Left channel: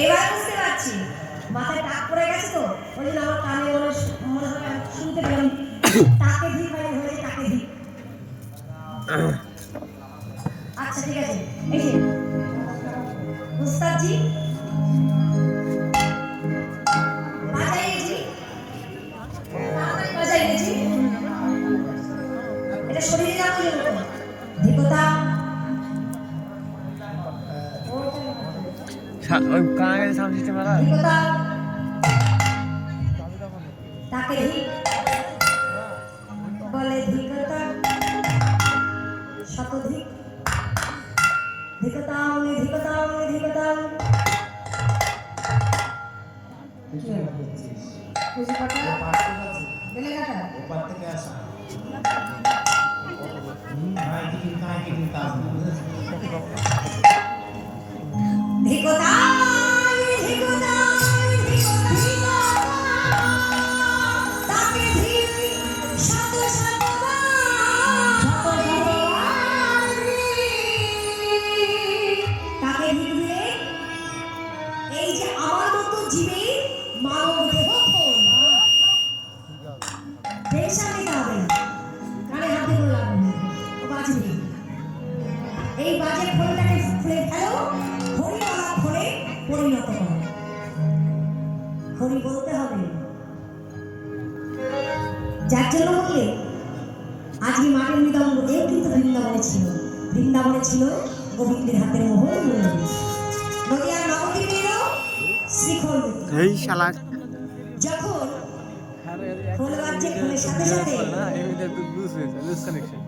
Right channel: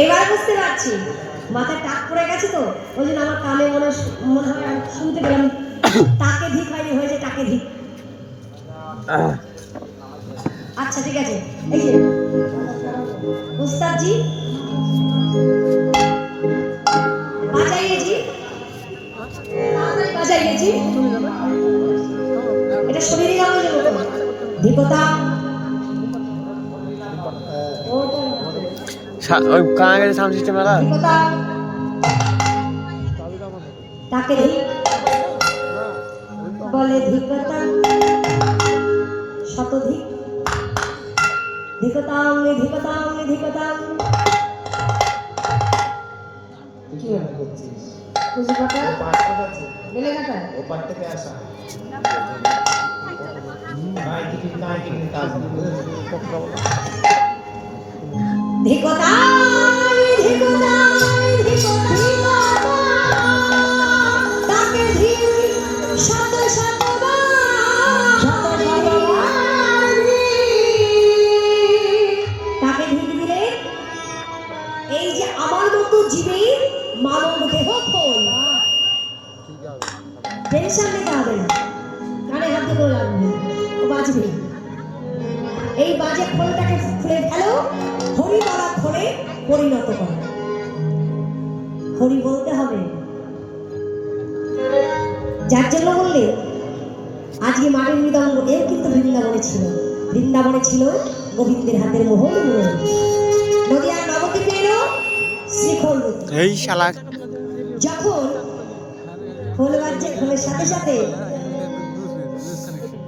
এবার বুঝতে পারছি মাথায় টাক পড়ে গেছে তো ওই জন্য আমার কানে মনে হয় শুনতে পেলাম তাকে ধিক হয়েছে তাকে ধিক। আচ্ছা ঠিক আছে এই যে উস্তাদ জি বাজাইয়ে জি এটা শরীরে লাগানো যাবে দীপতা ওই কানে সাউন্ড সিস্টেম লাগা তাকে বলে ধিকতা শতধিক ধিকতাং ধিকতাং ধিকতাং কি আমরা করছিস বুঝি কথা গেলে কথা ওপার থেকে আসা নাই কাজ ধিকতাং এই বাজে খোলটাকে খুলে ফেলো হরি বলা খোলে পরিণত করো হরি বলতে হবে যার জন্য বললে আজকে মাটির মৃদঙ্গ এও কিন্তু বৃন্দাবনে ছিল গোবিন্দের হাতের মোহর নদিয়ার নবদ্বীপে এলো শ্রীখোল এই শালা যখন খোল বাজছে খোলের সাথে সাথে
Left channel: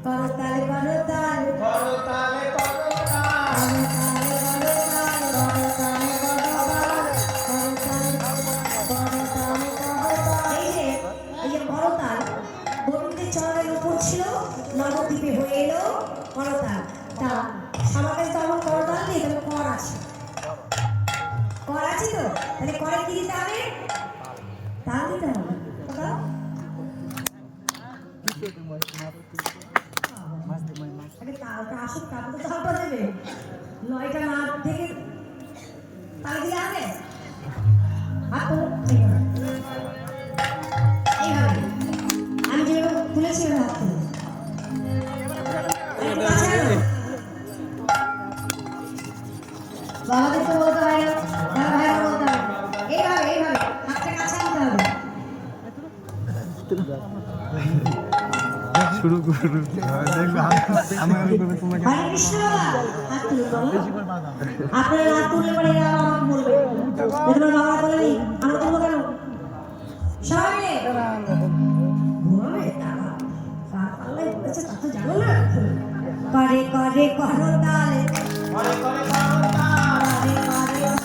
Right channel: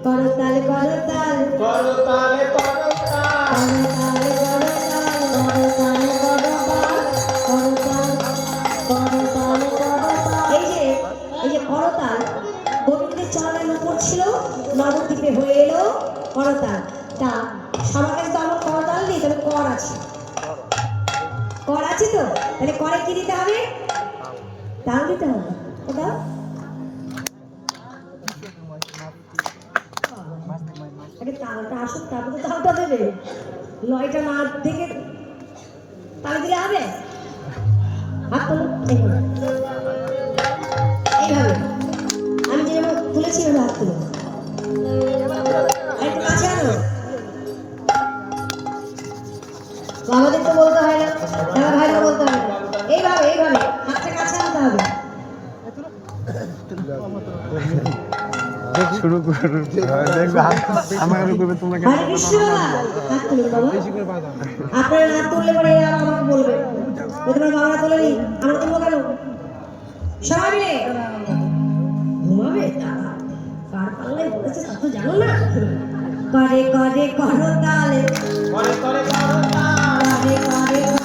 করতাল করতাল করতালে নবদ্বীপে হয়ে এলো করতাল তা সমাজে তো আমার করতাল নেই তবে কর আছে তো তাহলে করে কি দিতে হবে তাও দিতে হবে দাও তালটা আসুন তারপরে তালটা দেবে লয়টা না থেকে তাল দিলে হবে হাত এইভাবে আমি যেভাবে তুলেছি হাত তুলে আমাদের তো বলতে হয় না ভাইরা বলতে হবে এইভাবে হাতটা কাছে আনতে হবে শুরু করবে আমাকে করবে তোমাকে হরে কৃষ্ণ হাত তুলে বাবা আপনারা হাত তুলে পরে আমাকে বলবেন তোমার বাবা তুলে নি আমরা তো কেন সবাই মিলে ঘুমাবে কার পালে বলেছে তা তো জানো না করে করে করো তালে করে করে করো তালে করে করে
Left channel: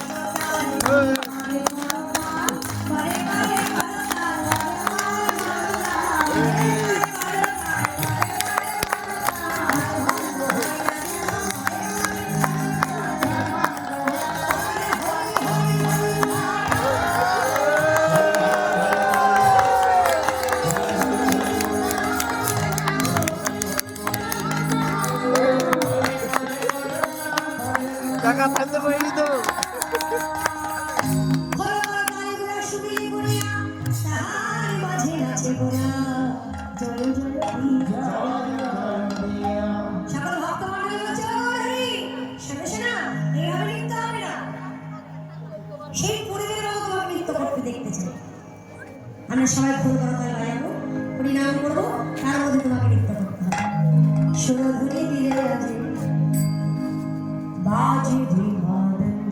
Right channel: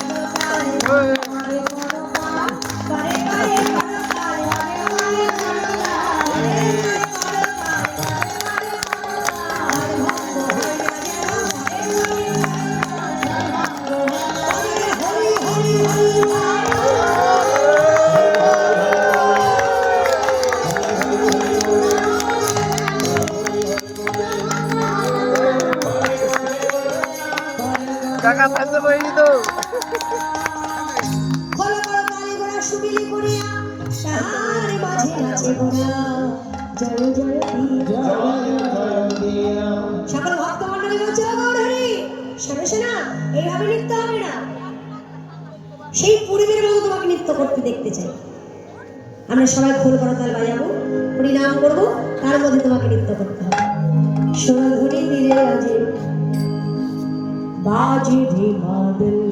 টাকা ফাইতে পারিনি তো সেই পরিবারের মতো তোমাকে নৃত্য করতে দেখতে চাই আমরা সবাই ফুল করতাল বাজাবো হরিনাম করবো তার মধ্যে তোমাকে নৃত্য করতে হবে সোনাঝুরি তীরে আছে बाजी भी बादल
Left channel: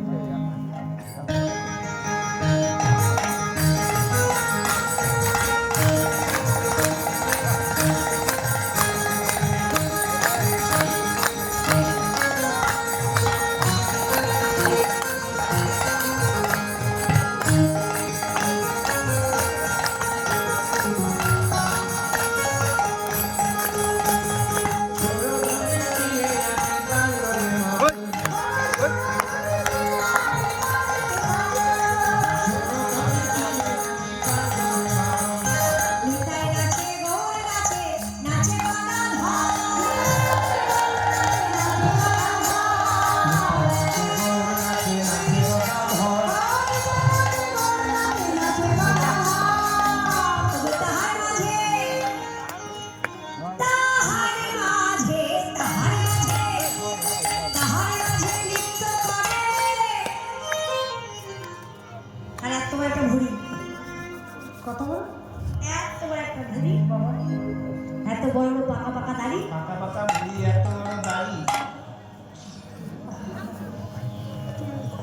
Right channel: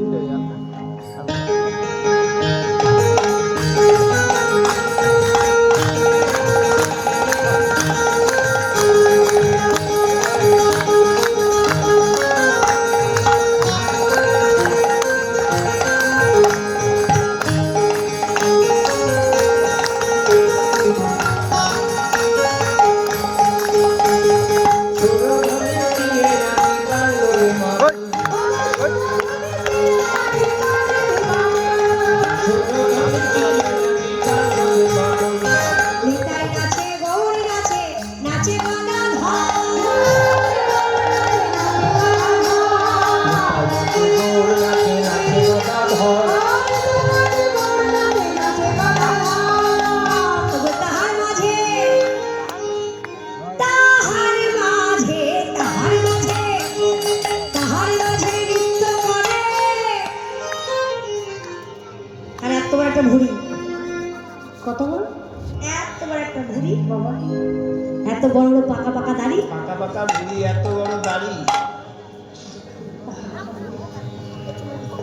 বড় বড় পাকা পাকা দাড়ি, পাকা পাকা বুড়ি, এত বড় দাড়ি।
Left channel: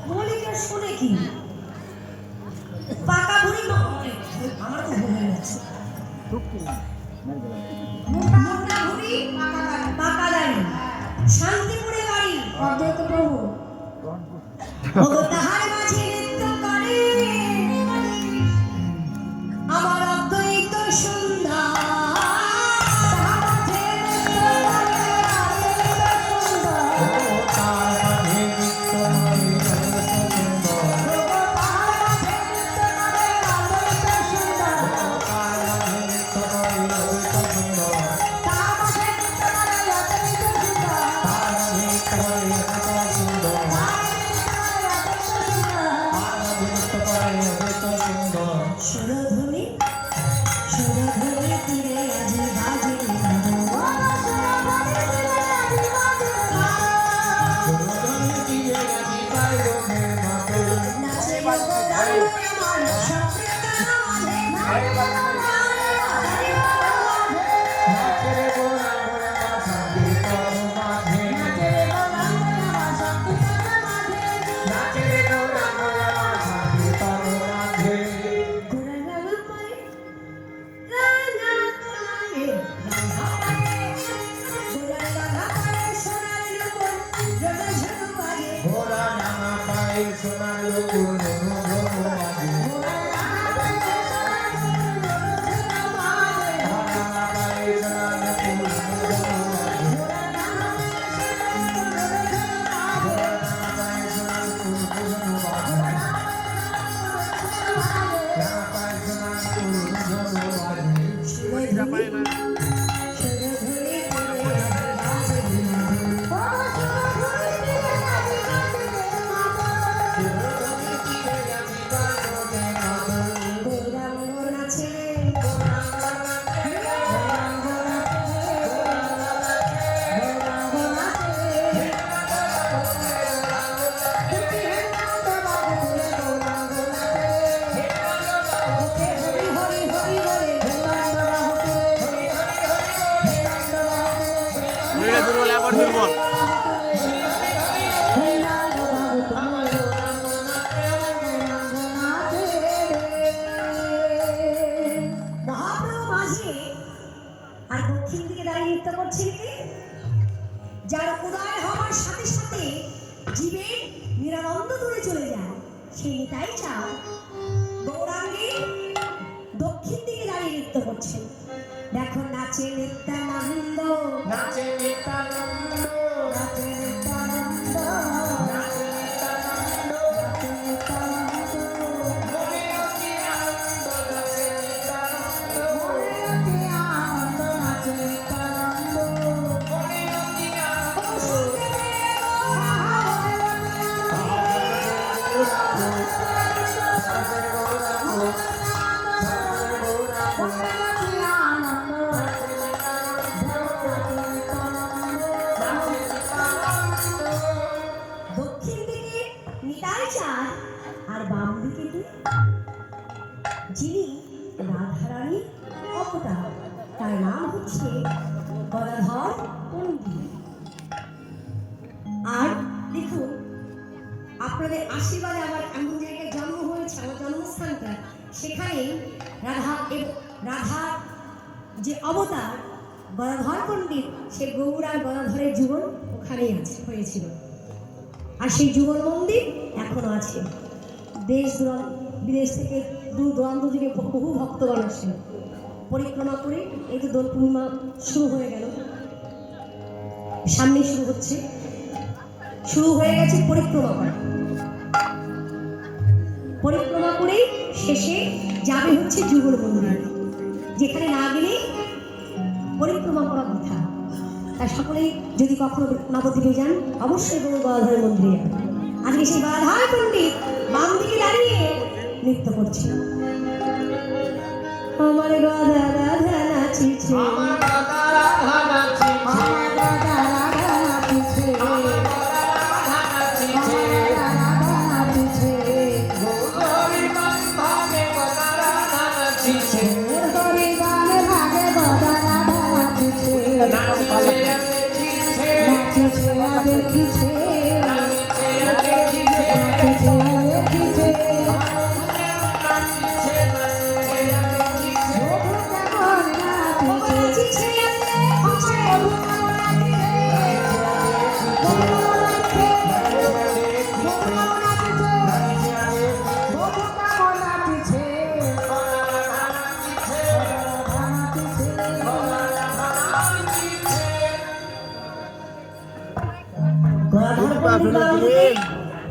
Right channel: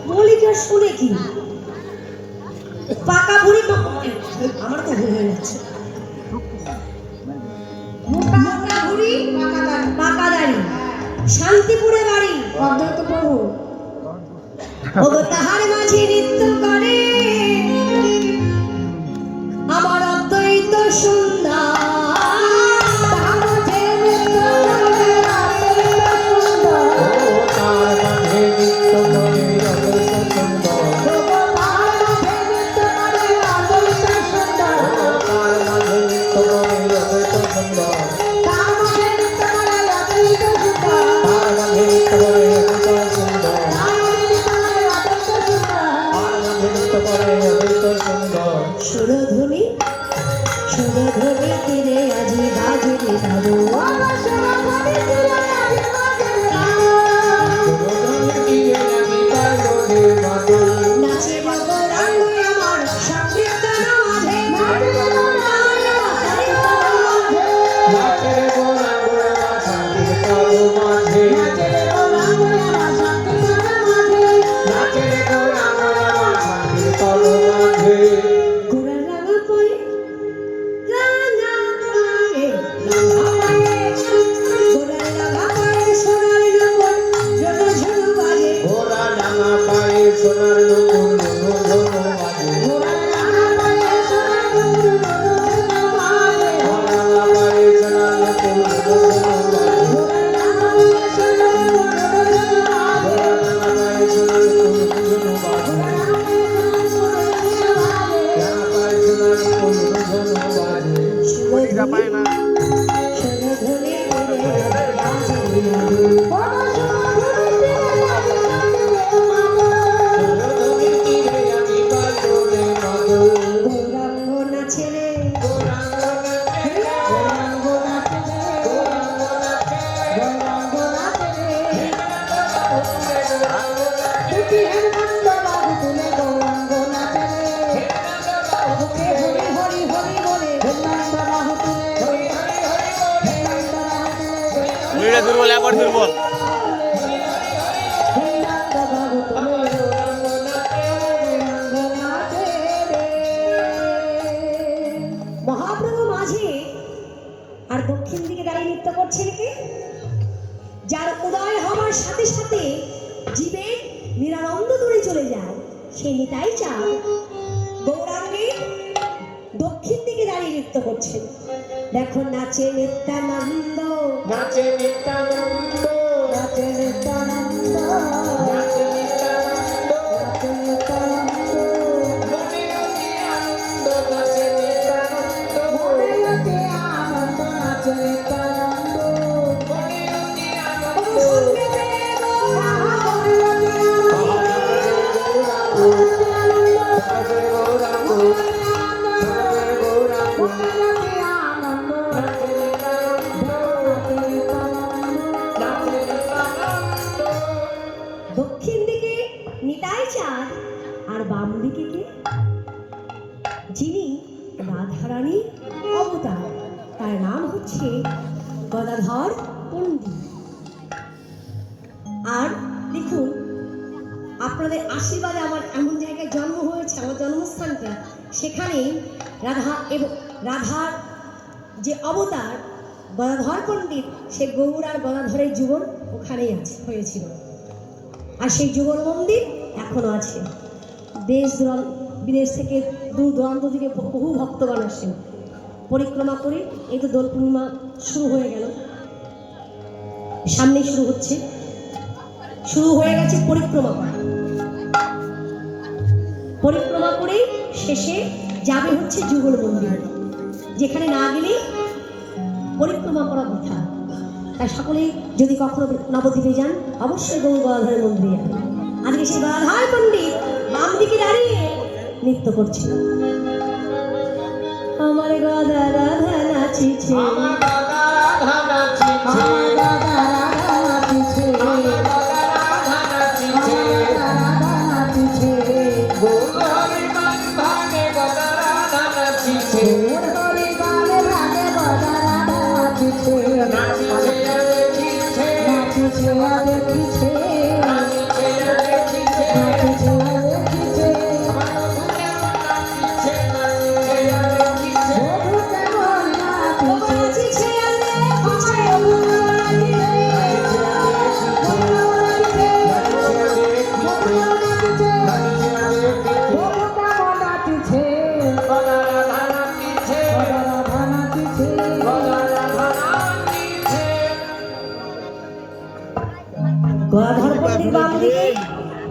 বলি কি আর শুনে কি? পাকা বুড়ি আমার তো ভুল হয়ে যাচ্ছে। পাকা বুড়ি, পাকা দাড়ি, শান্তিপুরে বাড়ি, অদ্বৈত প্রভু। ওগো তাহার মাঝে নৃত্য করে আমার অদ্বৈত সুন্দর। সুরধুনি সুরধুনি তীরে আজি বাজে দাদু, নাচে রঙ্গে আমার সংগীত মাঝে, দুর্বল, আবার দুর্বল। মহাপ্রভু মাঝে আর দক্ষিণ দিকে দাঁড়িয়ে নৃত্য করছেন কি? যার উদয় হওয়ার সাথে সাথে জীবে নিরানন্দ দূরে চলে যায়, সে নিতাই চাও গৌরাঙ্গে দক্ষিণ দিকে দাঁড়িয়ে নৃত্য করছে। দেখো নাচে নিত্যানন্দ, নাচে নিত্যানন্দ, নাচে নিত্যানন্দ, নাচে নিত্যানন্দ, নাচে নিত্যানন্দ, নাচে নিত্যানন্দ, মনেরতে আনন্দ, নাচে নিত্যানন্দ। দক্ষিণ দিকে নিতাই চাঁদ আর বাম দিকে কে? যিনি রাধারানী অবতার, তার নাম হচ্ছে গদাধর পণ্ডিত। আর দেখুন, আপনাদের আশীর্বাদে আমার এমন জায়গায় জন্ম হয়েছে, আমার জন্মস্থানটা সেখানে রাধা এবং রাধার যে অবতার গদাধর পণ্ডিত, সে গৌর আর গদাধরের জীবন ওখানেই আছে হয়েছিল। আর সেই যুগল মন্দির এখনো আছে। দেশ বিদেশ থেকে দূর দূরান্ত থেকে বহু ভক্তগণ আসেন পরিক্রমা করে। এই তো দোল পূর্ণিমা শুরু হয়ে গেল, সামনে শুরু হচ্ছে, শুরু হয়ে গেছে পরিক্রমা। পরিক্রমা করে শেষে যাবে হচ্ছে যুগল মন্দির, যেখানে না গেলে পরিক্রমা করা বৃথা। তাই সকলেই যদি কখনো নবদ্বীপে যান, অবশ্যই গৌর গদাধর মন্দিরে যাবেন। আজকে সেই গদাধর পণ্ডিত বাম দিকে দাঁড়িয়ে নৃত্য করছিল। আমার গদা রাধা নাচিছে, আমার গদা রাধা নাচিছে,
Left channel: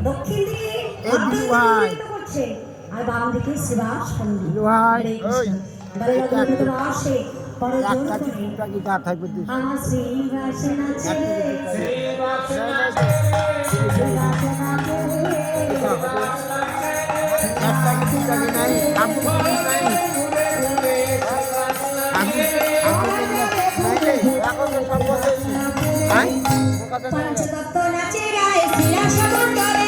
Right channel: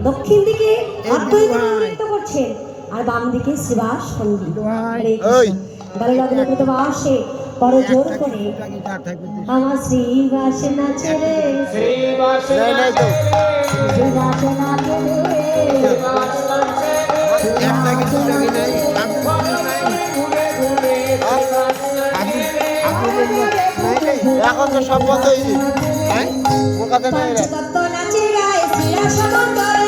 দক্ষিণ দিকে করছে আর বাম দিকে শিবাস সঙ্গীত আসে পরে জোর করে আমার শ্রীবাস নাচে এখন তো সব বন্ধ হয়েছে। নাচে গায়ে